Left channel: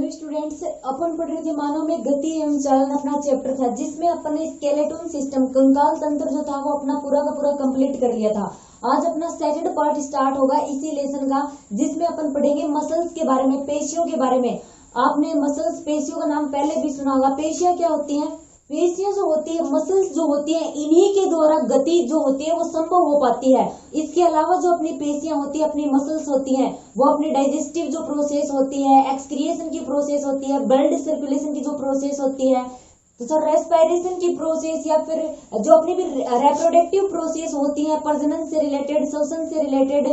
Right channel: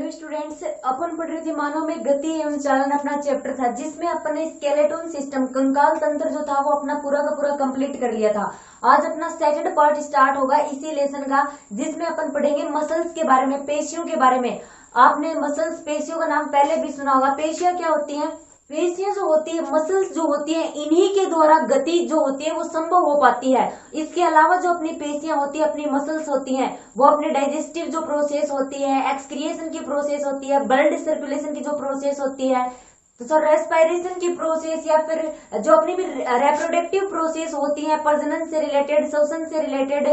Hello students, अपन पढ़ रहे थे मानव में गति एवं चालन। अपना चैप्टर था जिसमें अपन ने स्केलेटन सिस्टम कंकाल तंत्र जो था वो अपना पूरा का पूरा कंप्लीट कर लिया था। आज अपना सेकंड पार्ट स्टार्ट होगा इसी लेसन का, जिसमें अपन पढ़ेंगे मसल्स के बारे में, पेशियों के बारे में। आपने मसल्स, पेशियों का नाम पहले भी सुना होगा। पेशियां क्या होती हैं? पेशियां जो होती है, मसल्स जो होती है, इन्हीं के द्वारा गति जो होती है वो संभव हो पाती है। इसके अलावा जो अपनी पेशियां होती है, अपनी मसल्स होती हैं, वो अपने डाइजेस्टिव जो प्रोसेस होती है, एक्सक्रिएशन की प्रोसेस होती है, ब्लड सर्कुलेशन की जो प्रोसेस होती है, तो सर रेस्पिरेशन की प्रोसेस, या फिर जो अपनी भी रेप्रोडक्टिव प्रोसेस होती है, प्रजनन से रिलेटेड, श्वसन से रिलेटेड,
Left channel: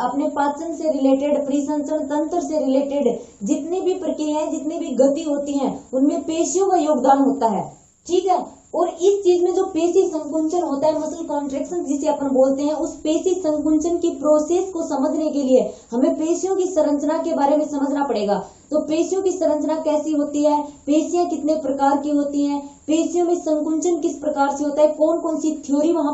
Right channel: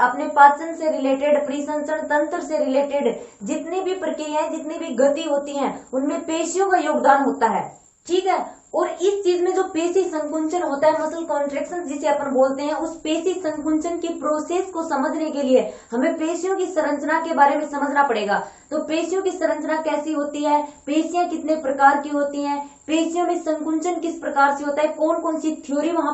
अपने पाचन से रिलेटेड, परिसंचरण तंत्र से रिलेटेड जितनी भी प्रक्रियाएं, जितनी भी गति होती हैं, उनमें पेशियों का योगदान होता है। ठीक है। और इस चीज में जो पेशी संकुंचन होता है, मसल कॉन्ट्रैक्शन जिसे अपन बोलते हैं, उस पेशी संकुंचन की प्रोसेस को समझने के लिए हमें पेशियों की संरचना के बारे में समझना पड़ेगा। तो पेशियों की संरचना कैसी होती है, पेशियां कितने प्रकार की होती हैं, पेशियों में संकुंचन किस प्रकार से होता है, कौन कौन सी थ्योरी वहां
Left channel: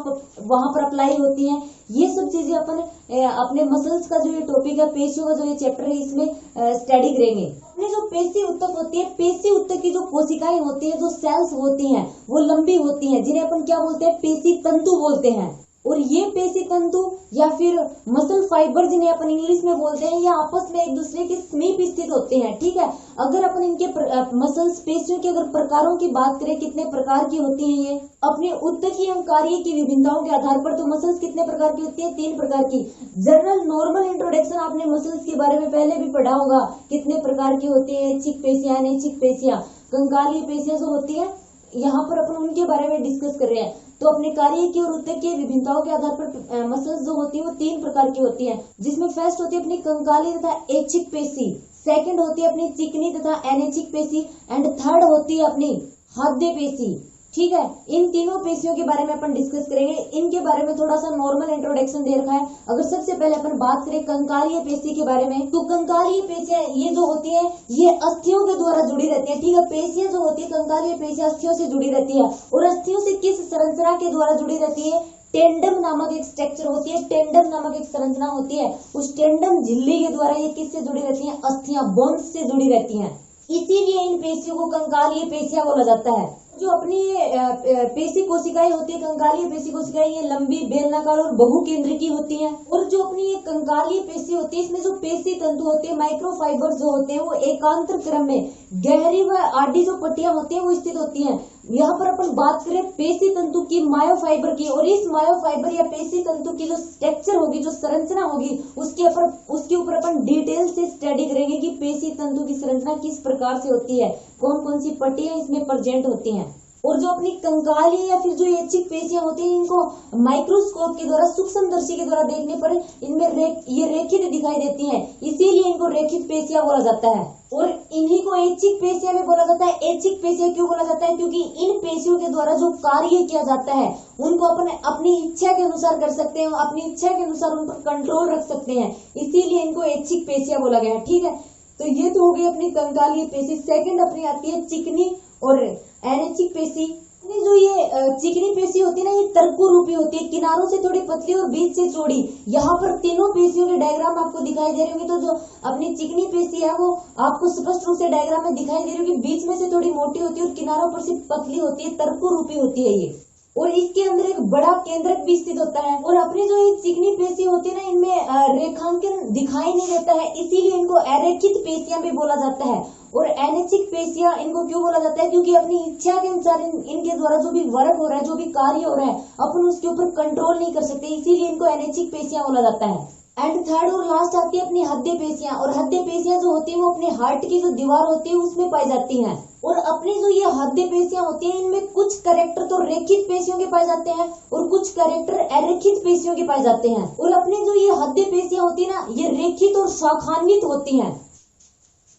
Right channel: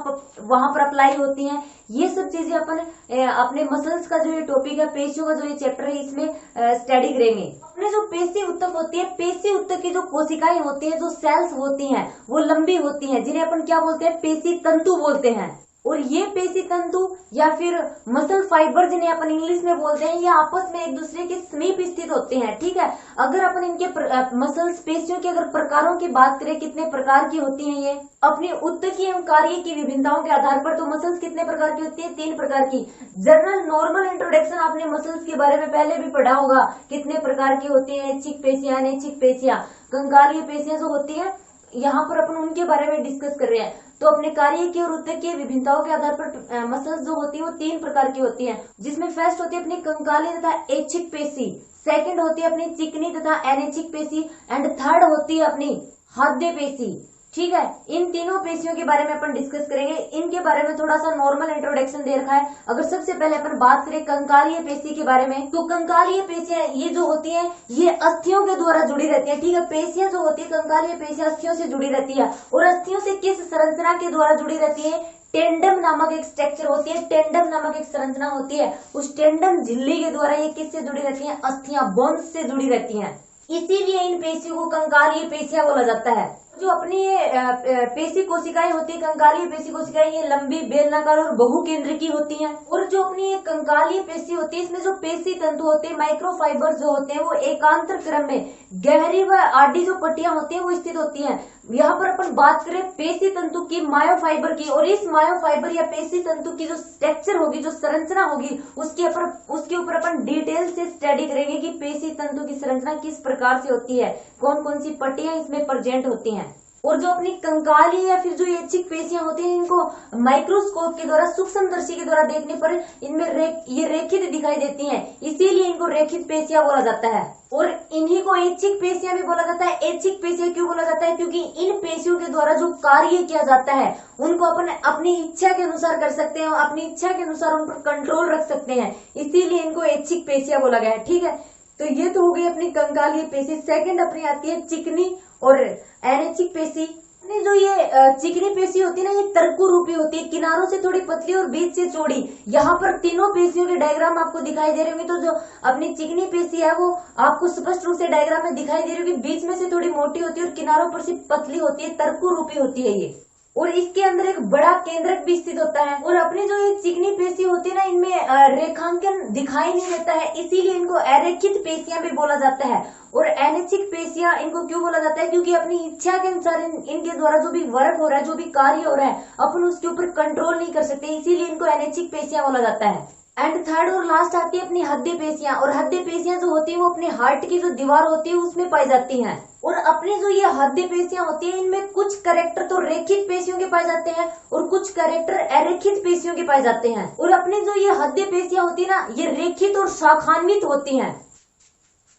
पर अप्लाई होती है, ये सब चीजें अपन अपने मसल्स का जो ये टॉपिक है, पेशियों का जो ये चैप्टर है, इसमें स्टडी करेंगे। अपने जो पेशी उत्तक होती है, पेशी उत्तक की जो कोशिकाएं होती हैं, जो सेल्स होती हैं, वो लंबी होती हैं, जिन्हें अपन क्या बोलते हैं? पेशी तंतु बोलते हैं। और ये पेशी तंतु या फिर मसल फाइबर जिन्हें अपन इंग्लिश में बोलते हैं, ये आपस में एक दूसरे के समीप स्थित होते हैं। ठीक है। अगर अपन इनके मसल्स, पेशियों के अगर प्रकारों की बात करें, कितने प्रकार की होती हैं ये, अपनी उत्तकीय एवं कार्य की विभिन्नताओं के आधार पर, तो मसल्स कितने प्रकार की होती है? 3 प्रकार की। जनरल नॉर्मल इंट्रोडक्शन आपने मसल्स के बारे में पहले भी पढ़ा होगा, कितने प्रकार की होती है, ऐच्छिक पेशियां, अनैच्छिक पेशियां, कंकालीय पेशियां जो होती है, यहाँ पर अपन उनके बारे में डिस्कस कर रहे हैं। तो अपने कार्य की और उत्तकीय विभिन्नताओं के आधार पर मसल्स जो होती है वो 3 प्रकार की होती हैं, जिसमें फर्स्ट होती है अपनी कंकालीय तथा ऐच्छिक पेशी, सेकंड होती है अपनी चिकनी तथा अनैच्छिक पेशी, एंड थर्ड होती है अपनी हृदय पेशी। ठीक है। इन तीनों पेशियों के बारे में अपन डिस्कस करेंगे। इनके बारे में थोड़ा सा नॉर्मल इंट्रोडक्शन दे रखा है। अगर सबसे पहले अपन बात करें कंकालीय पेशी के बारे में, तो कंकालीय पेशियां ये जो होती है, ये अस्थियों के द्वारा जुड़ी रहती है। ठीक है। पेशियां जो होती है, कंकालीय पेशियां अस्थियों से जुड़ी रहती है। और अस्थियों से किस संरचना के द्वारा जुड़ी रहती है? टेंडम नामक एक स्ट्रक्चर होती है, टेंडम नामक एक संरचना होती है। उस टेंडम झिल्ली के द्वारा ये किससे जुड़ी रहती है? अस्थियां, बोन्स से जुड़ी रहती हैं। इसीलिए इन पेशियों को कंकालीय पेशियां बोला जाता है। जो अपनी ये पेशी कोशिकाएं होती है, कंकालीय पेशी कोशिकाएं, ये लंबी, बेलनाकार और बहुकेंद्र की होती हैं। और जो अपनी ये कंकालीय पेशी होती है, इसमें जो पेशी तंतु होते हैं, माइक्रोफाइबर जो होते हैं, वो एकांतर क्रम में गहरी व आडी जो पट्टियां होती हैं वो स्थित होती हैं। यहाँ पर अपन बात करें पेशी तंतु की, मायोफाइबर की, और इस मायोफाइबर या पेशी तंतु की जो स्ट्रक्चर होगी, जो संरचना होगी, उसके ऊपर अपन डिटेल से स्टडी करेंगे कि पेशी तंतु की संरचना किस प्रकार से होती है, कौन कौन सी पट्टियां इसमें प्रेजेंट होती हैं। और जो अपनी कंकाली या फिर जो ऐच्छिक पेशियां होती हैं, इनको माइक्रोस्कोप के द्वारा, सूक्ष्मदर्शी के द्वारा देखने पर इनमें ये रेखित दिखाई देती हैं, इसीलिए इनको रेखित पेशियां बोला जाता है। और इन्हीं को ऐच्छिक पेशियां भी बोला जाता है। ऐच्छिक पेशियां क्यों बोला जाता है? क्योंकि इन पेशियों के द्वारा जो कार्य किया जाता है, उनको अपन अपनी इच्छा के अनुसार कर सकते हैं, अपनी इच्छा के अनुसार उन पर कंट्रोल रख सकते हैं, इसीलिए इनको ऐच्छिक पेशियां बोला गया है। ठीक है। तो ये तो हो गई अपनी कंकालीय पेशी। सेकंड अपनी आती है चिकनी और अनैच्छिक पेशी। जो ये चिकनी पेशी होती है ना, ये तरकु रूपी होती है, किनारों से थोड़ी पतली और बीच से चौड़ी। यहाँ पर तीनों पेशियों के डायग्राम आपको दिखाई दे रहे होंगे। तो जो अपनी चिकनी पेशी है वो आपको स्पष्ट रूप से डायग्राम में दिखाई दे रही होगी, बीच में से थोड़ी मोटी होती है और किनारों पर से पतली होती है, तरकु रूपी होती है ये। और इसके अंदर एक बड़ा केंद्रक भी स्थित होता है। और अपनी जो ये चिकनी पेशी होती है ना, इनमें रेखांकन दिखाई नहीं देता है, इसीलिए इनको अरेखित पेशियां भी बोला जाता है। और अनैच्छिक पेशियां इनको क्यों बोला जाता है? क्योंकि अपनी इच्छा के अनुसार इनके द्वारा जो भी वर्क हो रहा है, जो भी कार्य हो रहा है, अपन उसके ऊपर कंट्रोल नहीं कर सकते, इसीलिए इनको अनैच्छिक पेशियां बोला जाता है। एंड थर्ड और लास्ट आती है अपनी हृदय पेशियां। और हृदय पेशियां जो होती है वो अपने हार्ट की जो दीवार होती है उसमें पाई जाती हैं। और अपनी जो ये हृदय पेशियां होती है, इनमें कुछ कैरेक्टर तो रेखित पेशियों के पाए जाते हैं और कुछ कैरेक्टर अरेखित पेशियों के पाए जाते हैं। और अपनी जो ये हृदय पेशियां होती है ना, ये रेखित और शाखान्वित होती हैं।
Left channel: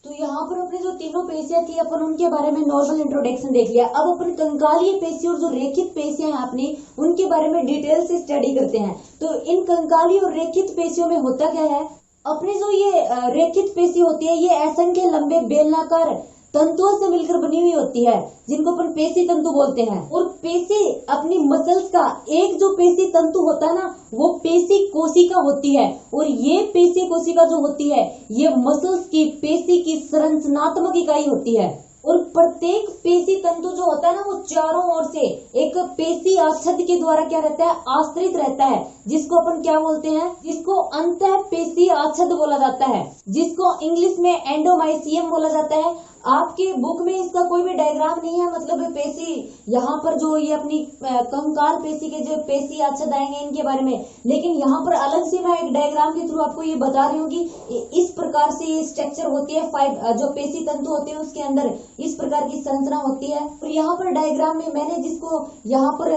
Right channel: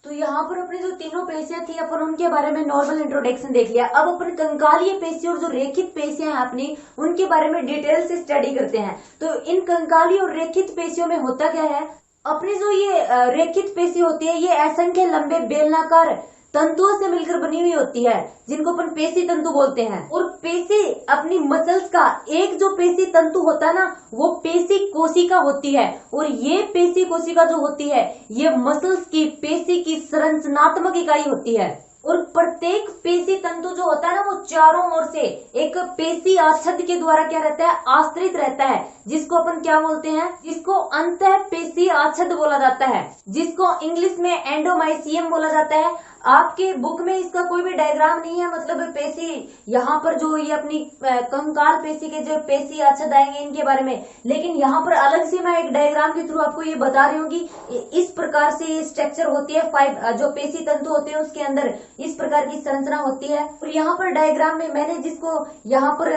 तो यहाँ पर अपनी जो तीनों पेशियां थी, अपन उनके बारे में नॉर्मल इंट्रोडक्शन देख लिया। अब अपन कंकालीय पेशी और जो रेखित पेशियां हैं अपनी, उनके बारे में डिटेल से स्टडी करते हैं। तो इन कंकालीय और रेखित पेशियों में होता क्या है? अपनी जो ये रेखित पेशी होती है, ये असंख्य लंबे बेलनाकार तंतुओं से मिलकर बनी हुई होती है, जिनको अपन पेशी तंतु बोलते हैं। और पेशी अपनी मसल्स का एक जो पेशी तंतु होता है ना, वो पेशी कोशिका होती है। और ये पेशी कोशिका जो होती है, ये मसल्स की पेशी की संरचनात्मक इकाई होती है। और प्रत्येक पेशी तंतु जो होता है ना, वो चारों ओर से एक पेशी आच्छाद के द्वारा क्या रहता है, आश्रित रहता है, जिसको अपन क्या बोलते हैं, जिसको अंतः पेशी आच्छाद बोला जाता है, जिसको इंग्लिश में एंडोमाइसियम बोला जाता है। आपके बुक में इसका कोई भी डायग्राम नहीं है, मतलब पेशी यहाँ पर जो ये अपनी कंकाल पेशी के जो पेशी आच्छाद आएंगे इनके बारे में, लेकिन यहाँ पर अलग से मैं एक डायग्राम के थ्रू आपको ये बता रही हूँ कि इस प्रकार से ये स्ट्रक्चर होती है। जो पेशी तंतु होते हैं उसके अंदर इस प्रकार की संरचना होती है। और यहाँ पर डायग्राम में मैंने जिसको यहाँ पर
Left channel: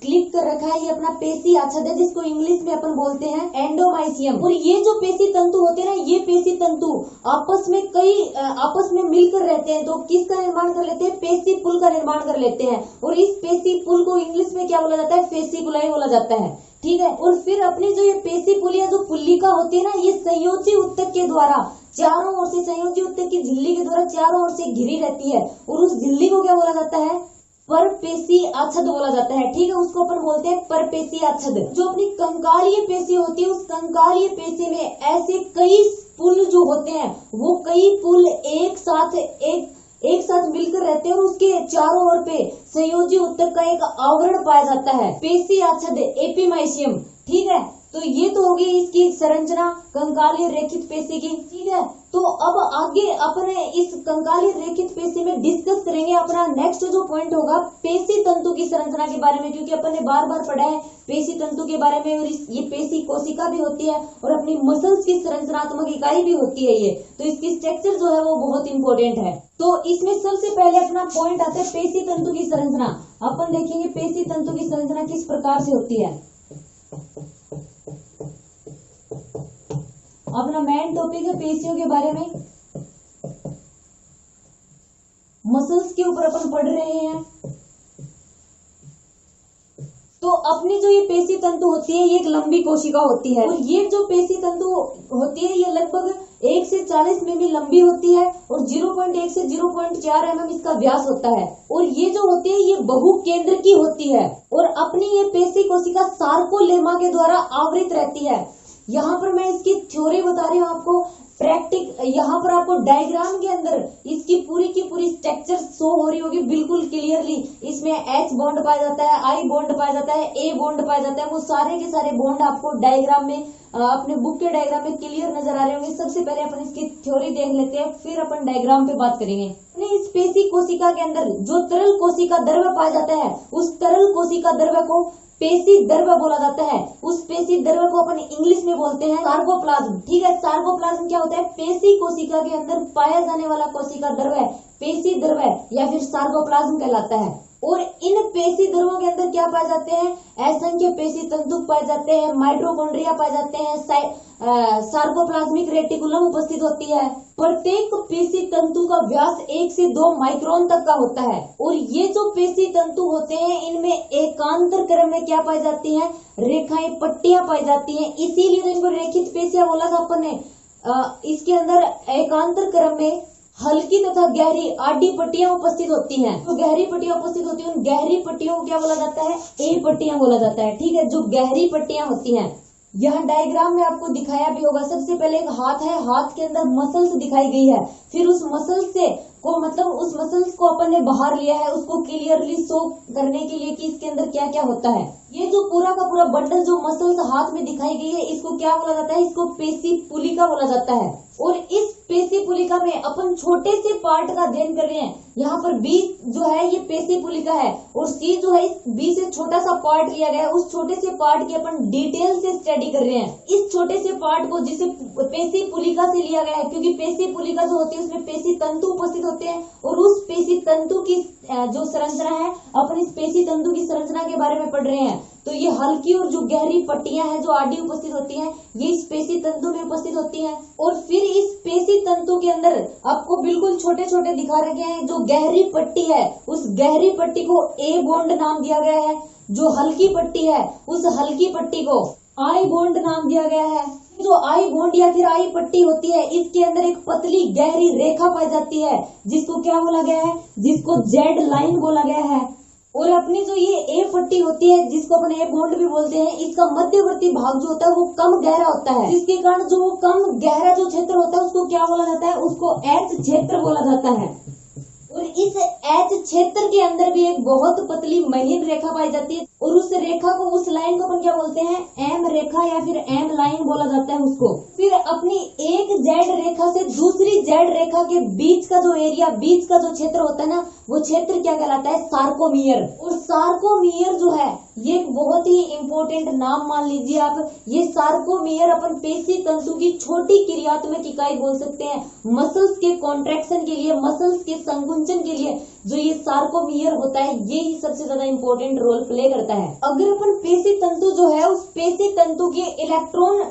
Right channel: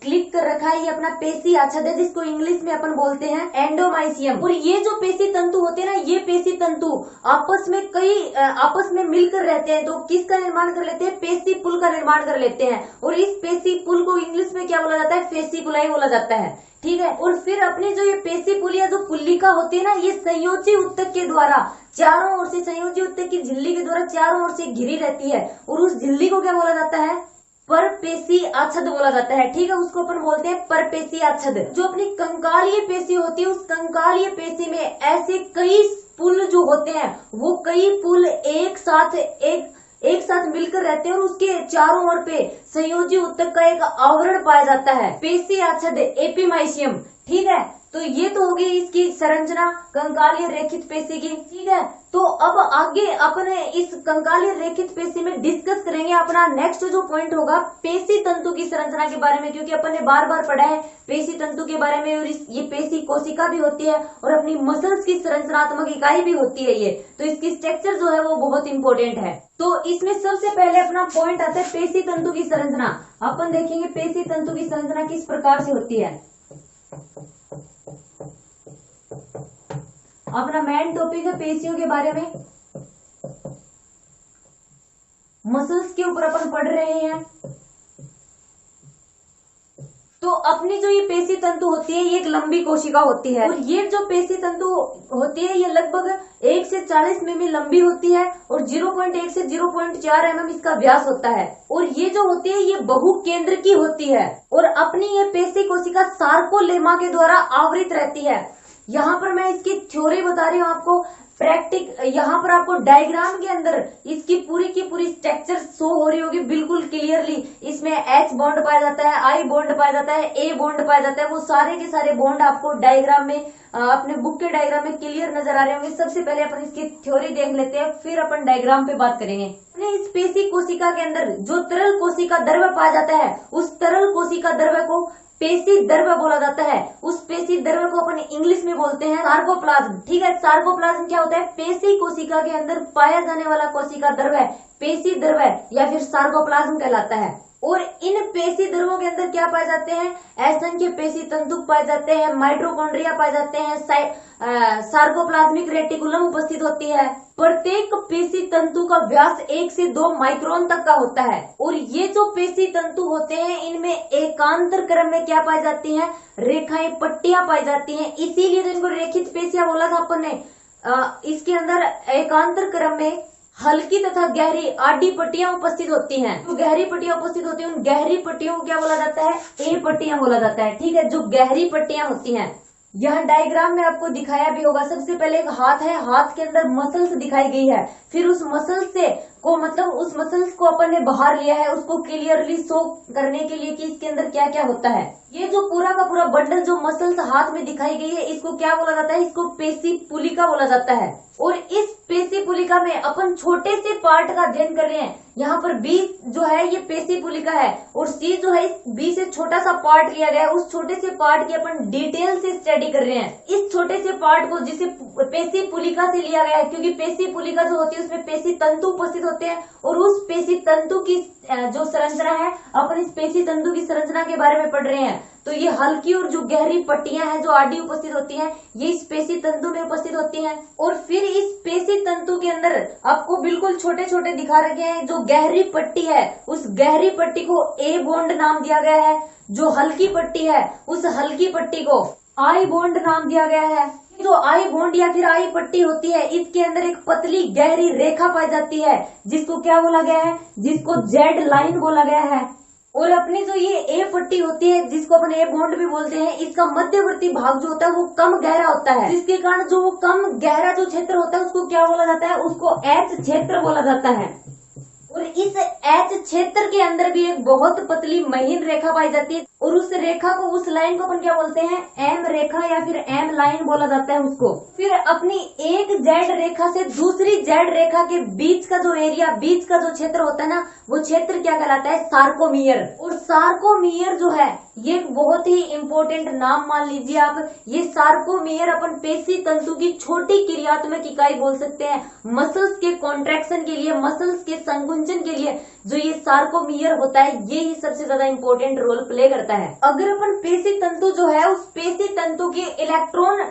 क्लिक कर रखा है, ये अपना पेशी आच्छाद है, जिसको इंग्लिश में अपन बोलते हैं एंडोमाइसियम। और ये जो पेशी तंतु होते हैं ना, ये पेशी तंतु आपस में मिलकर रहते हैं, तो किसका निर्माण कर लेते हैं, पेशी पुल का निर्माण कर लेते हैं। और इस पेशी पुल को इंग्लिश में क्या बोला जाता है, फेसिकुलाई बोला जाता है। ठीक है। और फिर अपनी जो ये पेशी पुल या जो पुल्लिका होती है ना, ये संयोजी ऊतक के द्वारा चारों ओर से, संयोजी ऊतक की झिल्ली के द्वारा चारों ओर से घिरी रहती है। और उस झिल्ली को क्या बोला जाता है, परपेशी आच्छाद बोला जाता है। ठीक है, उसको अपन बोलते हैं परपेशी आच्छाद। जो अपनी कंकालीय पेशी होती है, उस कंकालीय पेशी में ऐसे कई पुल जो होते हैं, वो कई पुल एक साथ मिलकर रहते हैं और उसके चारों ओर पे संयोजी ऊतक का एक आवरण पाया जाता है, पेशी आच्छाद एपिमाइसियम। ठीक है, तो ये तो होगी इसकी संरचना कंकालीय रेखित पेशी की। ठीक है, तो अब आगे अपने इस कंकालीय रेखित पेशी में डिस्कस करेंगे अपना नेक्स्ट जो पॉइंट होगा पेशी तंतु की संरचना के बारे में, क्योंकि अपन ने बार बार पढ़ा है पेशी तंतु के बारे में। और ये पेशी कोशिका भी होती है और अपनी मसल्स की संरचनात्मक इकाई भी होती है ये, तो इसकी स्ट्रक्चर जो है वो बहुत इंपॉर्टेंट है। तो इसमें सबसे पहले अपना पॉइंट आता है पेशी तंतु की संरचना। अपन देखेंगे पेशी तंतु की संरचना किस प्रकार से होती है। अपना मेन टॉपिक है पेशियों के बारे में, मसल्स के ऊपर अपन पढ़ रहे हैं। तो अपनी जो ये पेशी तंतु होती है, ये एक लंबी कोशिका होती है। और ये जो पेशी तंतु होती है, ये लगभग 1 से 40 मिमी लंबी होती है और 0.1 से 0.4 mm इसका व्यास होता है। और ये जो होती है, ये बहुकेंद्र की होती है। और अपनी ये पेशी कोशिका सार्कोलेमा के द्वारा आवृत रहती है। यहाँ पर मैं इसकी थ्योरी बता रही हूँ आपको, यहाँ पर आपको डायग्राम के अंदर इसकी पूरी की पूरी स्ट्रक्चर शो हो रही होगी बिल्कुल क्लियरली। इसमें H बॉन्ड पाया जाता है, I बॉन्ड पाया जाता है, A बॉन्ड पाया जाता है। वो सारे के सारे बॉन्ड आपको डायग्राम में, अपने बुक के डायग्राम में क्लियर नजर आ रहे होंगे। सबसे पहले अपन इसकी थ्योरी देख लेते हैं, फिर अपन डायग्राम पे बात करेंगे। इस पेशी कोशिका के अंदर जो तरल कोशिका द्रव्य पाया जाता है, उस तरल कोशिका द्रव्य को पेशी द्रव्य बोला जाता है। उस पेशी द्रव्य को अपन इंग्लिश में बोलते हैं सार्कोप्लाज्म। ठीक है, सार्कोप्लाज्म क्या होता है, पेशी कोशिका के अंदर पाया जाने वाला कोशिका द्रव्य पेशी द्रव्य या फिर सार्कोप्लाज्म कहलाता है। और इन पेशी द्रव्यों के अंदर क्या पाए जाते हैं, असंख्य पेशी तंतु पाए जाते हैं, माइटोकॉन्ड्रिया पाए जाते हैं, सार्कोप्लाज्मिक रेटिकुलम उपस्थित होती है। प्रत्येक पेशी तंतु का व्यास 1 से 2 माइक्रोन तक का होता है। और ये जो पेशी तंतु होते हैं, इनमें एकांतर क्रम में क्या पाई जाती हैं, रेखाएं, पट्टियां पाई जाती हैं। इसीलिए तो इनको रेखित पेशियां बोला था अपन ने। इसके अंदर एकांतर क्रम में हल्की तथा गहरी आडी पट्टियां उपस्थित होती हैं। जो गहरी पट्टियां उपस्थित होती हैं, उन गहरी पट्टियों को क्या बोला जाता है, ए पट्टियां बोला जाता है। ठीक है, जो गहरी पट्टियां होती हैं, यहाँ डायग्राम में आपको दिखाया भी होगा। सबसे पहले एक हाथ है, हाथ के अंदर मसल्स दिखाई गई है। फिर उस मसल्स से को मतलब उस मसल्स को अपन ने बाहर लिया है, उसको क्लियरली शो करने के लिए कि इसके अंदर क्या क्या होता है। ये जो पूरा का पूरा बंडल जो मसल्स हाथ में दिखाई गई है, इसको क्या बोला जाता है, इसको पेशी पुलिका बोला जाता है। और इस पेशी पुलिका में अपन छोटे से पार्ट का अध्ययन कर रहे हैं। यहाँ पर बी जो है ये पेशी पुलिका है और सी जो है इस बी से छोटा सा पार्ट लिया गया है। उस छोटे से पार्ट की अपन डिटेल से स्टडी कर रहे हैं। इस छोटे से पार्ट को जिसे पेशी पुलिका से लिया गया है, क्योंकि पेशी पुलिका जो होती है उसमें पेशी तंतु उपस्थित होते हैं। और उस पेशी तंतु की जो संरचना है, अपन इस पेशी तंतु की संरचना के बारे में पढ़ रहे हैं। तो ये हल्की और जो गहरी पट्टियां हैं, जो आडी उपस्थित होती हैं, ये इस पेशी तंतु में उपस्थित होती हैं। और फिर इस पेशी तंतु के अंदर आपको बिल्कुल छोटे छोटे दिखा रखे हैं। जो गहरी पट्टी है, उस गहरी पट्टी को ए बॉन्ड नाम दिया गया है। जो हल्की पट्टी है, उस हल्की पट्टी को आई बॉन्ड नाम दिया गया है। जो आई बॉन्ड या फिर आई पट्टी होती है, इसके अंदर एक पतली गहरी रेखा पाई जाती है, जिसको क्या बोला गया है, जिसको जेड लाइन बोला गया है। और अपनी जो ये ए पट्टी होती है, जिसको अपन ए बॉन्ड भी बोलते हैं, इसका मध्यवर्ती भाग जो होता है वो कम गहरा होता है, जिसके कारण जो वो कम गहरा जो क्षेत्र होता है उसको क्या बोला जाता है, उसको एच क्षेत्र बोला जाता है। और इस एच क्षेत्र के अंदर भी एक बहुत पतली महीन रेखा पाई जाती है, और उस रेखा को, उस लाइन को अपन क्या बोलते हैं, एम रेखा या फिर एम लाइन बोला जाता है उसको। फिर अपनी एक जेड रेखा से दूसरी जेड रेखा के बीच का जो एरिया, बीच का जो क्षेत्र होता है ना, वो क्षेत्र क्या कहलाता है, सार्कोमियर। और सार्कोमियर जो है ये एक बहुत ही इंपॉर्टेंट नाम मान लीजिए आप। ये सार्कोमियर अपन पेशी तंतु की छोटी क्रियात्मक इकाई बोल सकते हैं। मसल्स के कॉन्ट्रैक्शन के लिए, मसल्स के संकुंचन के लिए जो ये सार्कोमियर होता है, ये ही सबसे ज्यादा इंपॉर्टेंट रोल प्ले करता है। अगर अपन पेशी तंतु जो है, उस पेशी तंतु के इलेक्ट्रॉन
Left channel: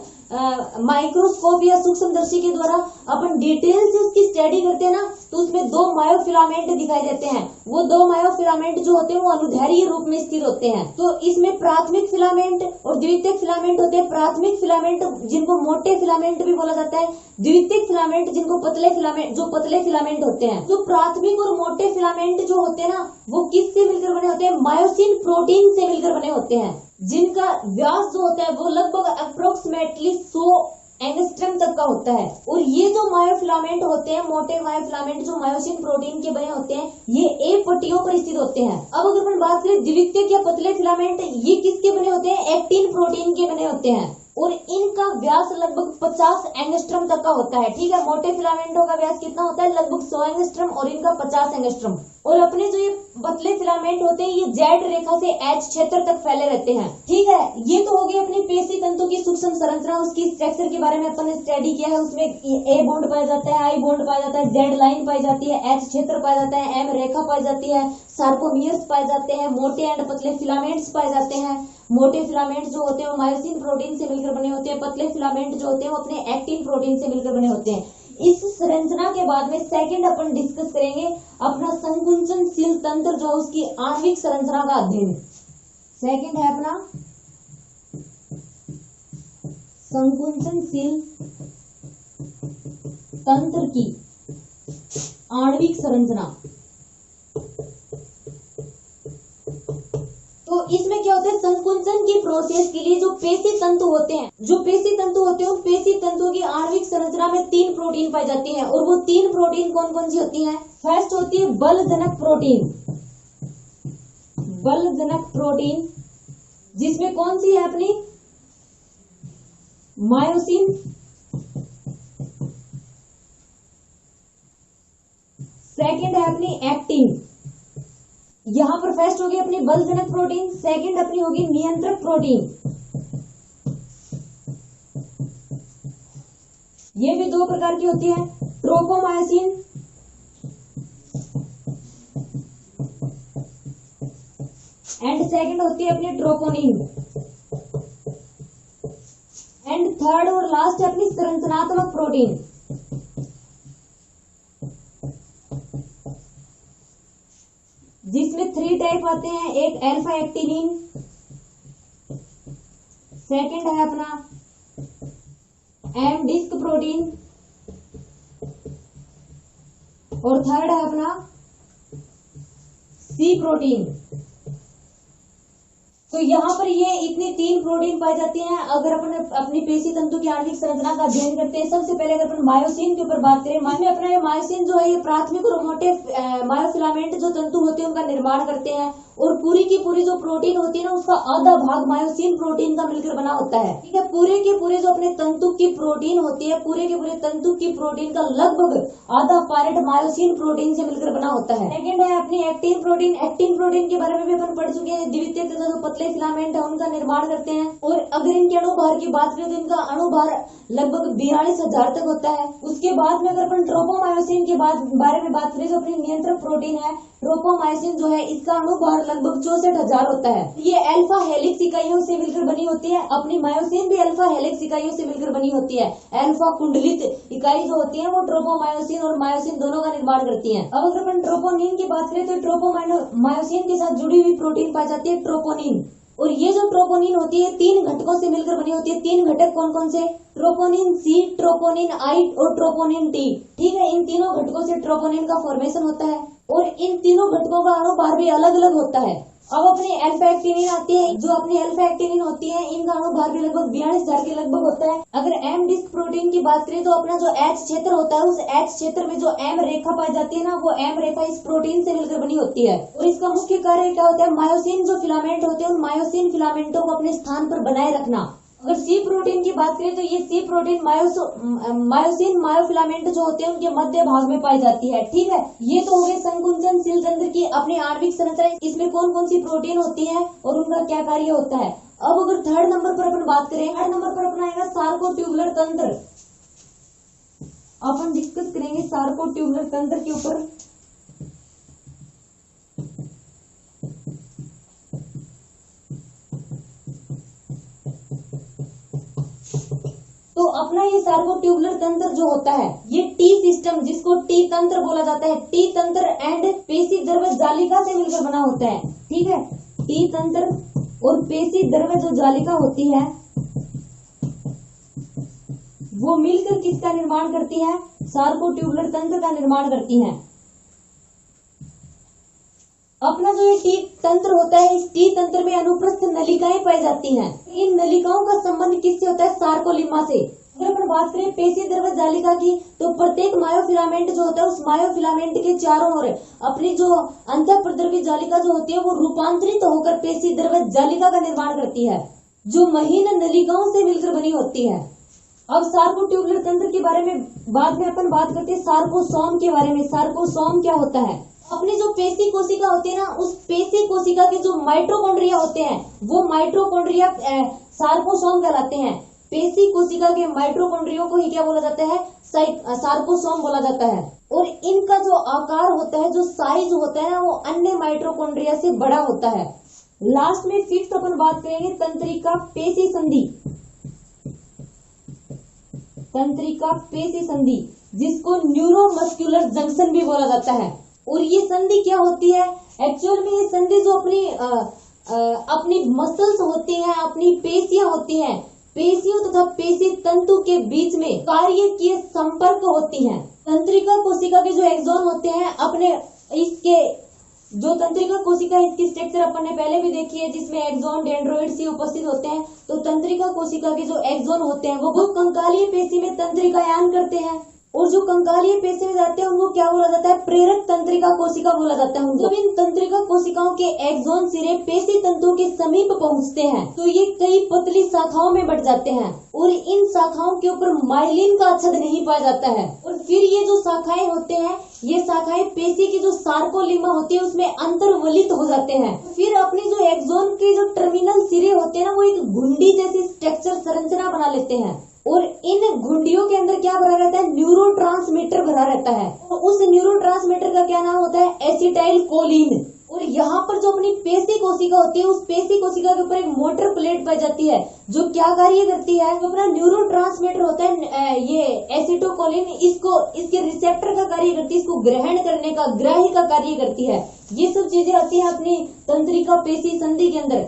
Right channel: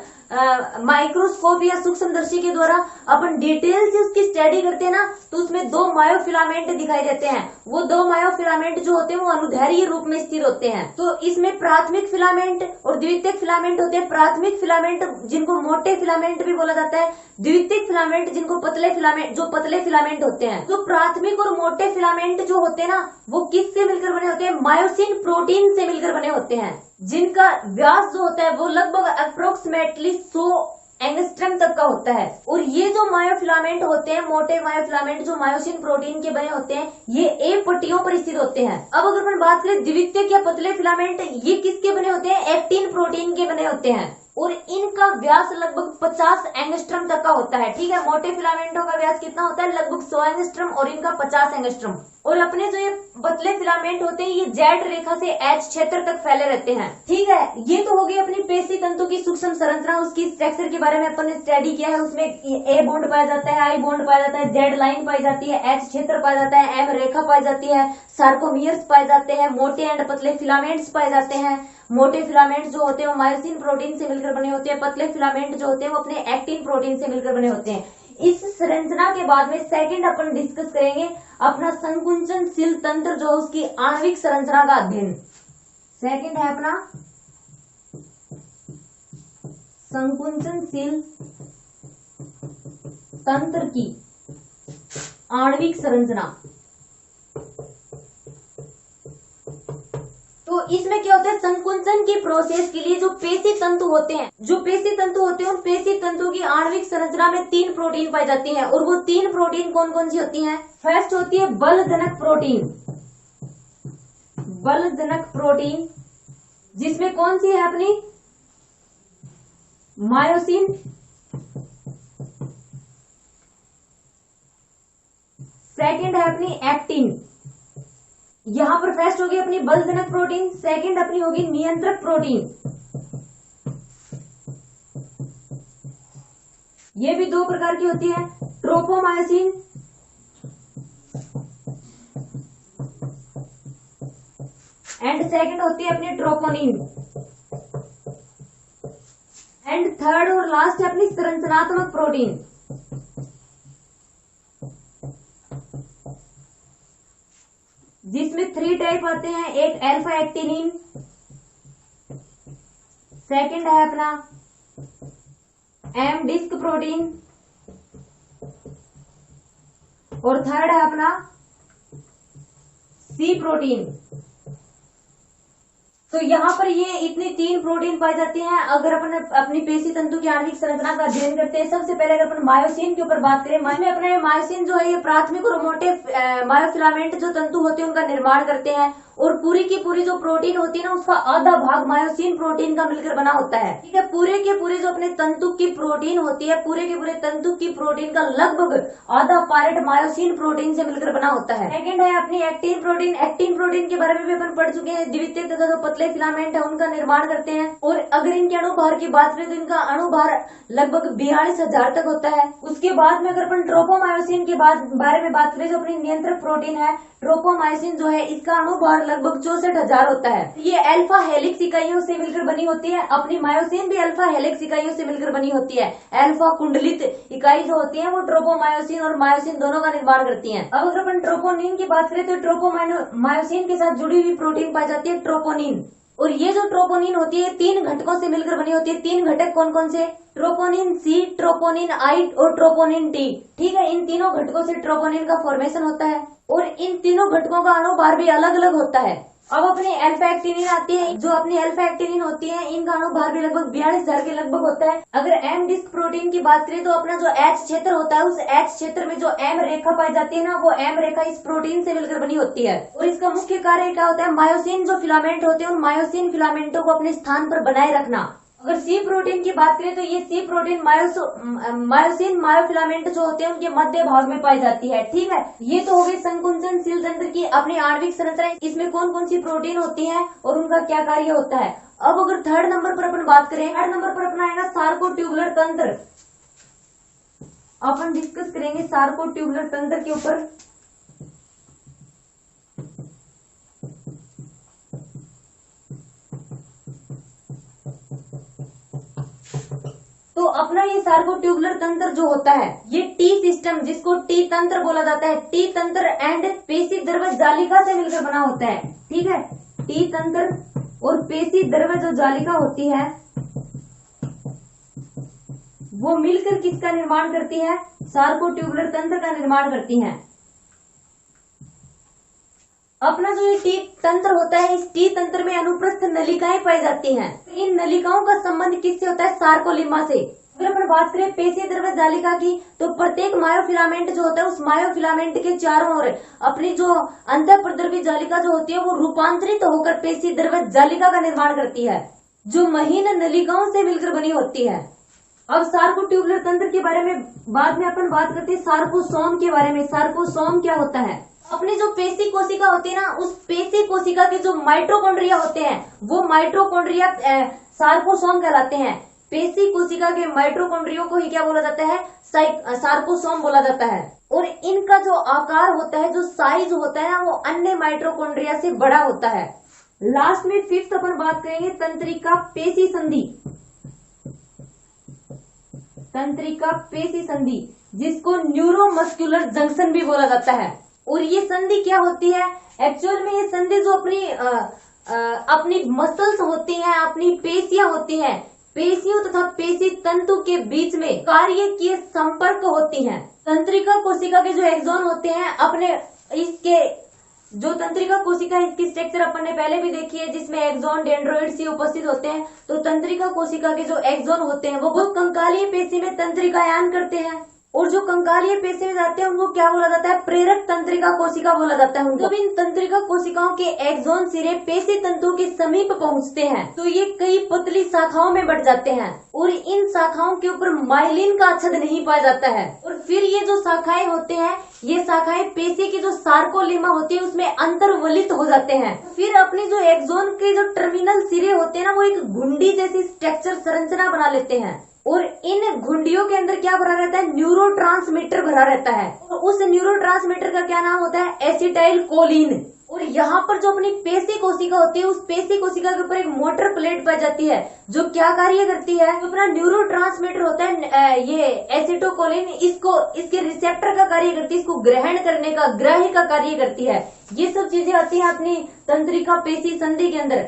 माइक्रोस्कोप या सूक्ष्मदर्शी के द्वारा अपन डिटेल से उसकी स्टडी करते हैं ना, तो उसमें दो मायोफिलामेंट दिखाई देते हैं। वो दो मायोफिलामेंट जो होते हैं वो अनुदैर्घ्य रूप में स्थिर होते हैं। तो इसमें प्राथमिक फिलामेंट और द्वितीयक फिलामेंट होते हैं। प्राथमिक फिलामेंट जिनको मोटे फिलामेंट भी बोला जाता है, द्वितीयक फिलामेंट जिनको पतले फिलामेंट, जो पतले फिलामेंट होते हैं। जो प्राथमिक और मोटे फिलामेंट जो होते हैं ना, वो किससे मिलकर बने होते हैं, मायोसिन प्रोटीन से मिलकर बने होते हैं, जिनका व्यास जो होता है वो लगभग अप्रोक्सीमेटली 100 एंगस्ट्रम तक का होता है। और ये जो मायोफिलामेंट होते हैं, मोटे मायोफिलामेंट जो मायोसिन प्रोटीन के बने होते हैं, ये ए पट्टियों पर स्थित होते हैं। अब अगर अपन बात करें द्वितीयक या पतले फिलामेंट, ये किसके बने होते हैं, एक्टिन प्रोटीन के बने होते हैं, और इनका व्यास लगभग 50 एंगस्ट्रम तक का होता है। ठीक है, मोटे फिलामेंटों का व्यास कितना होता है, लगभग 100 एंगस्ट्रम, और इनका 50 एंगस्ट्रम। और अपने जो ये पतले फिलामेंट होते हैं, ये जेड रेखा से एच क्षेत्र तक फैले रहते हैं। ठीक है, ये तो हो गई अपनी पेशी तंतु की सूक्ष्म संरचना, उसकी स्ट्रक्चर के बारे में अपन ने स्टडी किया है। उसमें ए बॉन्ड पाया जाता है, आई बॉन्ड पाया जाता है, जेड लाइन पाई जाती है, एच क्षेत्र पाया जाता है, एम रेखा पाई जाती है, सार्कोमियर्स पाए जाते हैं, मोटे एंड पतले फिलामेंट्स पाए जाते हैं। मोटे फिलामेंट जो होते हैं वो मायोसिन प्रोटीन से मिलकर बने होते हैं, पतले फिलामेंट जो होते हैं वो अपने एक्टिन प्रोटीन से मिलकर बने होते हैं। इस संरचना के बाद में सेकंड अपन डिस्कस करेंगे अपना संकुचनशील तंत्र, जो उसकी आणविक संरचना का अध्ययन। सेकंड है अपना संकुचनशील तंत्र की आणविक संरचना। तो इसमें क्या होता है, संकुचन की प्रोसेस के लिए जो पेशी तंतु होते हैं, उन पेशी तंतु की आणविक संरचना में 3 प्रोटीन पाई जाती हैं। और वो 3 प्रोटीन कौन कौन सी होती हैं, फर्स्ट होती है बलजनक प्रोटीन। बलजनक प्रोटीन जिसमें कौन सी है अपनी, मायोसिन, सेकंड है अपनी एक्टिन। यहां पर फर्स्ट होगी अपनी बलजनक प्रोटीन, सेकंड अपनी होगी नियंत्रक प्रोटीन। ये भी 2 प्रकार की होती है, ट्रोपोमायोसिन एंड सेकंड होती है अपनी ट्रोपोनिन। एंड थर्ड और लास्ट है अपनी संरचनात्मक प्रोटीन। जिसमें 3 टाइप आते हैं, एक अल्फा एक्टिनिन, सेकंड है अपना एम डिस्क प्रोटीन, और थर्ड है अपना सी प्रोटीन। तो यहाँ पर ये इतनी 3 प्रोटीन पाई जाती हैं। अगर अपन अपनी पेशी तंतु की आणविक संरचना का अध्ययन करते हैं, सबसे पहले अगर अपन मायोसिन के ऊपर बात करें, में अपने मायोसिन जो है ये प्राथमिक और मोटे मायोफिलामेंट जो तंतु होते हैं उनका निर्माण करते हैं। और पूरी की पूरी जो प्रोटीन होती है ना, उसका आधा भाग मायोसिन प्रोटीन का मिलकर बना होता है। ठीक है, पूरे के पूरे जो अपने तंतु की प्रोटीन होती है, पूरे के पूरे तंतु की प्रोटीन का लगभग आधा पार्ट मायोसिन प्रोटीन से मिलकर बना होता है। सेकंड है अपनी एक्टिन प्रोटीन। एक्टिन प्रोटीन के बारे में भी अपन पढ़ चुके हैं। द्वितीयक तथा जो पतले फिलामेंट है उनका निर्माण करते हैं। और अगर इनके अणुभार की बात करें तो इनका अणुभार लगभग 42,000 तक होता है। उसके बाद में अगर अपन ट्रोपोमायोसिन के बारे में बात करें, जो अपनी नियंत्रक प्रोटीन है, ट्रोपोमायोसिन जो है इसका अणुभार लगभग 64,000 होता है। ये अल्फा हेलिक्स इकाइयों से मिलकर बनी होती है। अपनी मायोसिन भी अल्फा हेलिक्स इकाइयों से मिलकर बनी होती है। अल्फा कुंडलित इकाई जो होती है वो ट्रोपोमायोसिन और मायोसिन दोनों का निर्माण करती है। अब अगर अपन ट्रोपोनिन की बात करें तो ट्रोपोमायोसिन के साथ जुड़ी हुई प्रोटीन पाई जाती है ट्रोपोनिन। और ये जो ट्रोपोनिन होती है 3 घटकों से मिलकर बनी होती है। 3 घटक कौन कौन से? ट्रोपोनिन सी, ट्रोपोनिन आई और ट्रोपोनिन टी। ठीक है, इन तीनों घटकों से ट्रोपोनिन का फॉर्मेशन होता है और इन तीनों घटकों का अणुभार भी अलग अलग होता है। अब अपनी अल्फा एक्टिनिन आती है, जो अपनी अल्फा एक्टिनिन होती है इनका अणुभार भी लगभग 42,000 के लगभग होता है। अगर एम डिस्क प्रोटीन की बात करें तो अपना जो एच क्षेत्र होता है, उस एच क्षेत्र में जो एम रेखा पाई जाती है ना, वो एम रेखा इस प्रोटीन से मिलकर बनी होती है। और इसका मुख्य कार्य क्या होता है? मायोसिन जो फिलामेंट होते हैं, उन मायोसिन फिलामेंटों को अपने स्थान पर बनाए रखना। अगर सी प्रोटीन की बात करें तो ये सी प्रोटीन मायोसिन मायोफिलामेंट जो होते हैं उनके मध्य भाग में पाई जाती है। ठीक है, ये तो हो गई संकुचनशील तंत्र की अपनी आणविक संरचना। इसमें कौन कौन सी प्रोटीन होती है और उनका क्या कार्य होता है। अब अगर थर्ड नंबर पर अपन बात करें, थर्ड नंबर पर अपना आएगा सार्कोट्यूबुलर तंत्र। अपन डिस्कस करेंगे सार्कोट्यूबुलर तंत्र के ऊपर। तो अपना ये सार्कोट्यूबुलर तंत्र जो होता है, ये टी सिस्टम, जिसको टी तंत्र बोला जाता है, टी तंत्र एंड पेशी द्रव्य जालिका से मिलकर बना होता है। ठीक है, टी तंत्र और पेशी द्रव्य जो जालिका होती है वो मिलकर किसका निर्माण करती है? सार्कोट्यूबुलर तंत्र का निर्माण करती है। अपना जो ये टी तंत्र होता है, इस टी तंत्र में अनुप्रस्थ नलिकाएं पाई जाती हैं। इन नलिकाओं का संबंध किससे होता है? सार्कोलिमा से। अगर अपन बात करें पेशी द्रव्य जालिका की, तो प्रत्येक मायोफिलामेंट जो होता है, उस मायोफिलामेंट के चारों ओर अपनी जो अंतःप्रद्रवी जालिका जो होती है वो रूपांतरित होकर पेशी द्रव्य जालिका का निर्माण करती है, जो महीन नलिकाओं से मिलकर बनी होती है। अब सार्कोट्यूबुलर तंत्र के बारे में बाद में अपन बात करते हैं सार्कोसोम के बारे में। सार्कोसोम क्या होता है? अपनी जो पेशी कोशिका होती है ना, उस पेशी कोशिका के जो माइटोकॉन्ड्रिया होते हैं, वो माइटोकॉन्ड्रिया सार्कोसोम कहलाते हैं। पेशी कोशिका के माइटोकॉन्ड्रियो को ही क्या बोला जाता है? सार्कोसोम बोला जाता है। और इनका जो आकार होता है, जो साइज होता है ना, वो अन्य माइटोकॉन्ड्रिया से बड़ा होता है। लास्ट में फिफ्थ अपन बात करेंगे तंत्रिका पेशी संधि। तंत्रिका पेशी संधि, जिसको न्यूरोमस्कुलर जंक्शन भी बोला जाता है। और ये संधि क्या होती है? एक्चुअल में ये संधि जो अपनी मसल्स होती हैं, अपनी पेशियां होती हैं, पेशियों तथा पेशी तंतु के बीच में कार्य किए संपर्क होती हैं। तंत्रिका कोशिका के जो एक्सोन होते हैं, अपने इसके जो तंत्रिका कोशिका है, इसकी स्ट्रक्चर अपन ने पहले भी देखी है, जिसमें एक्सोन डेंड्रोइड्स ही उपस्थित होते हैं। तो तंत्रिका कोशिका के जो एक्सोन होते हैं वो कंकालीय पेशी में तंत्रिकायान करते हैं, और जो कंकालीय पेशी में जाते हैं उनको क्या बोला जाता है? प्रेरक तंत्रिका कोशिका बोला जाता है। जब इन तंत्रिका कोशिकाओं के एक्सोन सिरे पेशी तंतुओं के समीप पहुंचते हैं तो ये कई पतली शाखाओं में बढ़ जाते हैं, और इन शाखाओं के ऊपर माइलिन का अच्छद नहीं पाया जाता है। और फिर ये जो शाखाएं होते हैं, ये शाखाएं पेशी की जो सार्कोलिमा होती है उसमें अंतर्वलित हो जाते हैं। फिर अपनी जो एक्सोन के जो टर्मिनल सिरे होते हैं ना, वो एक घुंडी जैसी स्ट्रक्चर संरचना बना लेते हैं, और इन घुंडियों के अंदर क्या भरा रहता है? न्यूरोट्रांसमीटर भरा रहता है। और उस न्यूरोट्रांसमीटर का क्या नाम होता है? Acetyl choline. और यहाँ पर जो अपनी पेशी कोशिका होती है, उस पेशी कोशिका के ऊपर एक मोटर प्लेट पाई जाती है, जो क्या कार्य करती है? जो अपना न्यूरोट्रांसमीटर होता है ये एसिटोकोलिन, इसको इसके रिसेप्टर का कार्य करती है, इसको ग्रहण करने का, ग्राही का कार्य करती है। ये सब चीजें आती है अपनी तंत्रिका पेशी संधि के अंदर।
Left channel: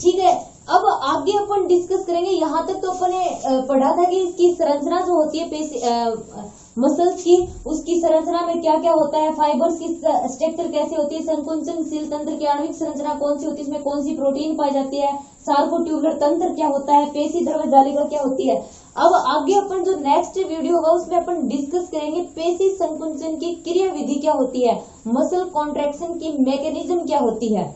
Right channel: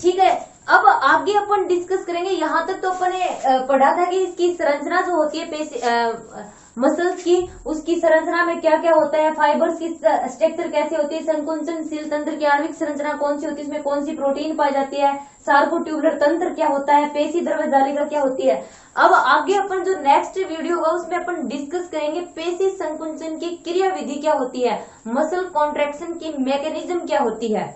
ठीक है, अब आगे अपन डिस्कस करेंगे। यहाँ तक तो अपन ने पढ़ा था कि इसकी संरचना जो होती है पेशी मसल्स की, उसकी संरचना में क्या क्या होता है, फाइबर्स की स्ट्रक्चर कैसे होती है, संकुचनशील तंत्र की आणविक संरचना कौन सी होती है, इसमें कौन सी प्रोटीन पाई जाती है, सार्कोट्यूबुलर तंत्र क्या होता है, पेशी द्रव्य जालिका क्या होती है। अब आगे अपन जो नेक्स्ट वीडियो होगा उसमें अपन डिस्कस करेंगे पेशी संकुचन की क्रिया विधि क्या होती है, मसल कॉन्ट्रैक्शन की मैकेनिज्म क्या होती है।